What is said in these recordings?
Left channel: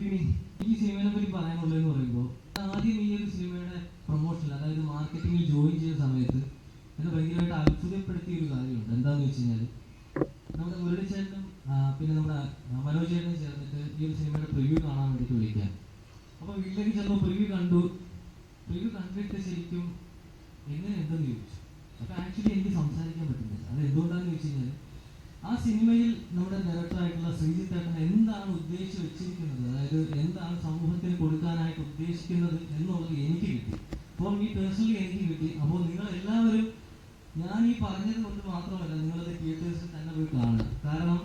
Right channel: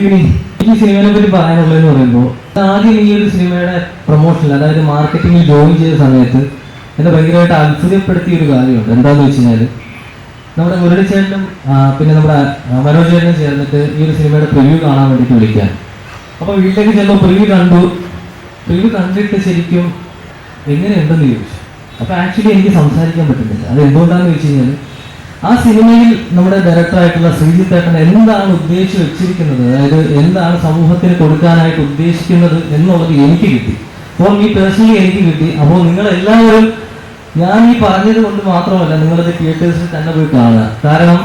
ഈ സിനിമയെ പറ്റി പറയാനുള്ളതെന്ന് പറയുമ്പോൾ ആദ്യം ഈ ഒരു സിനിമയുടെ പ്രൊമോഷൻ അതായത് മാർക്കറ്റിംഗിൽ ജോയിൻ ചെയ്ത സമയത്ത് എന്നെ ഭയങ്കരമായിട്ട് അത്ഭുതപ്പെടുത്തിയ ഒരു കാര്യമുണ്ട്. എന്താണെന്ന് വെച്ച് കഴിഞ്ഞാൽ നമ്മുടെ മുരളി ചേട്ടനും പിന്നെ നമ്മുടെ മനോജ് ചേട്ടനും ചേർന്നിട്ട് ഈ ഒരു സിനിമയുടെ പ്രിവ്യൂ കാണാൻ വേണ്ടിയിട്ട് വിളിക്കാൻ അപ്പോൾ വീട്ടിലേക്ക് ചെല്ലുമ്പോൾ പ്രിവ്യൂ കണ്ടു. പ്രിവ്യൂ കണ്ടിട്ട് ശരിക്കും എങ്ങനെയുണ്ടെന്ന് ചോദിച്ചു. അപ്പോൾ ആക്ച്വലി എനിക്ക് സംസാരിക്കാൻ പറ്റുന്നില്ല. അത് എന്തുകൊണ്ടാണെന്ന് ചോദിച്ചു കഴിഞ്ഞാൽ ആ സിനിമയിൽ നമ്മുടെ ഡയറക്ടറായിട്ടുള്ള ശ്രീജിത്ത് എന്താണ് ഉദ്ദേശിച്ച് വെച്ചിരിക്കുന്നത്? അതായത് എന്താണ് സമൂഹത്തിന് കൊടുക്കാനായിട്ട് ഉദ്ദേശിക്കുന്നത് എന്നുള്ളത് എനിക്ക് കിട്ടി. അപ്പോൾ ഈ പേഴ്സണലി എനിക്ക് കിട്ടി. അപ്പോൾ നിങ്ങൾ എല്ലാവരും ഞാൻ ഈ പറഞ്ഞത് കൊണ്ട് മാത്രമല്ല നിങ്ങളത് തിയേറ്റേഴ്സിൽ തന്നെ പോയി കാണുക. കാരണം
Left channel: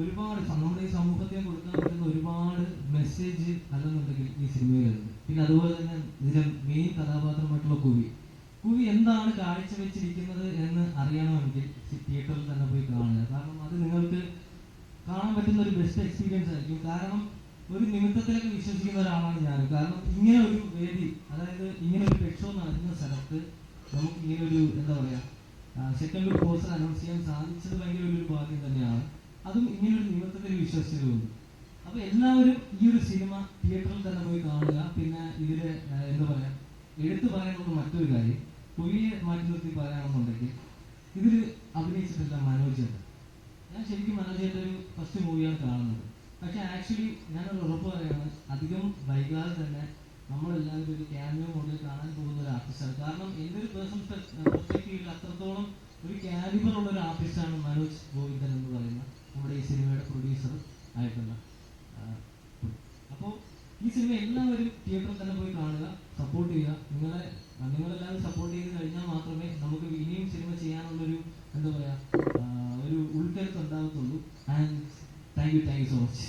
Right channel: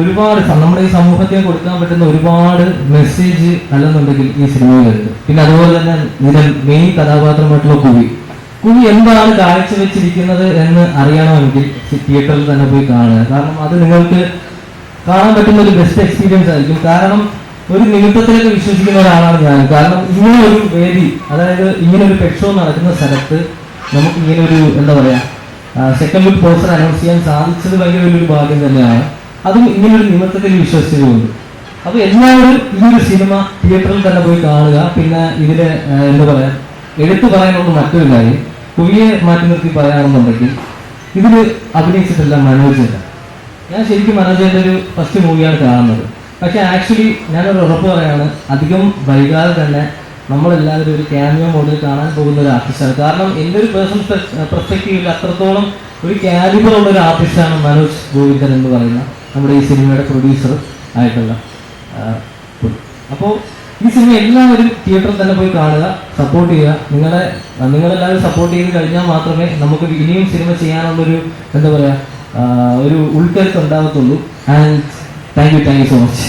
ഒരുപാട് നമ്മുടെ ഈ സമൂഹത്തിന് കൊടുക്കാൻ പറ്റുന്ന ഒരുപാട് മെസ്സേജ് അല്ലെന്നുണ്ടെങ്കിൽ ഈ സിനിമയിലുണ്ട് പിന്നെ അതുപോലെ തന്നെ ഇതിന്റെ മെയിൻ കഥാപാത്രമായിട്ടുള്ള കുവി. കുവി എന്താണ് കാഴ്ചവെച്ചിരിക്കുന്നത് എന്ന് അറിയണമെങ്കിൽ തിയേറ്ററിൽ തന്നെ പോയി കാണുക. കാരണം അത് നിങ്ങൾക്ക് കാണാൻ പറ്റുന്ന ഒരു ബെസ്റ്റ് എക്സ്പീരിയൻസ് ആയിരിക്കും. കാരണം ഒരു നിമിത്തത്തിലേക്ക് വിശ്വസിക്കുന്ന ഒരാളാണ് ഞാൻ. കാരണം ഇങ്ങനെ ഒരു വേദി അതായത് ഇങ്ങനെ ഒരു പെക്ഷോ നടക്കുന്ന സ്ഥലത്ത് നമുക്ക് ഇങ്ങനെ ഒരു എന്താ പറയാ സെക്കൻഡ് ലുക്ക് പോസ്റ്റർ അനൗൺസ് ചെയ്യാൻ സാധിച്ചത് ഭയങ്കര വലിയൊരു ഭാഗ്യം തന്നെയാണ്. അതും ഇങ്ങനെ ഒരു നിമിത്തത്തിൽ വിശ്വസിച്ചതുകൊണ്ട് അപ്പൊ എല്ലാവരും ഈ ഒരു സിനിമ തിയേറ്ററിൽ തന്നെ പോയി കാണുക. പിന്നെ ഇതിന് എന്താ പറയാ എടുത്തു പറയാനുള്ള മറ്റൊരു കാര്യം. കുവിയെ മാറ്റി നിർത്തി പറയാണെന്നുണ്ടെങ്കിൽ ഇതിൽ അഭിനയിച്ചിട്ടില്ല മനോജല്ല ഞാൻ ശരിക്കും മനോജന്റെ ഒരു ഫസ്റ്റ് മൂവിയാണ് കാണുന്നത്. പക്ഷെ ആക്ച്വലി ഞാനൊരു ഉറപ്പ് പറയാണ് അധികം വൈകാതെ തന്നെ നമ്മളെല്ലാവരും ഒരു ക്യാമിയോ മോഡിൽ കാണാൻ പോകുന്ന ഒരു ആർട്ടിസ്റ്റാണ് കാരണം എന്റെ ഒരു പേഴ്സണൽ പെർസ്പെക്റ്റീവിൽ അത്രത്തോളം ഒരു കാലിബർ ഉള്ള ഒരു ആർട്ടിസ്റ്റാണ് മനോജ് ഗോവിന്ദൻ എന്ന് പറയുന്ന നമ്മുടെ ഈ സിനിമയുടെ പ്രൊഡ്യൂസർ ആയിട്ടുള്ള അപ്പോൾ ഈ സിനിമ എല്ലാവരും തിയേറ്ററിൽ തന്നെ പോയി കാണുക സപ്പോർട്ട് ചെയ്യുക. നിങ്ങളെ നിങ്ങളെല്ലാവരും സപ്പോർട്ട് ചെയ്ത് കഴിഞ്ഞാൽ മാത്രമേ നമുക്ക് ഇനിയും സിനിമ ചെയ്യാനുള്ളൊരു എന്താ പറയുക ഒരു ഉൾക്കരുത്ത് ഉണ്ടാകത്തുള്ളൂ and thank you thank you so much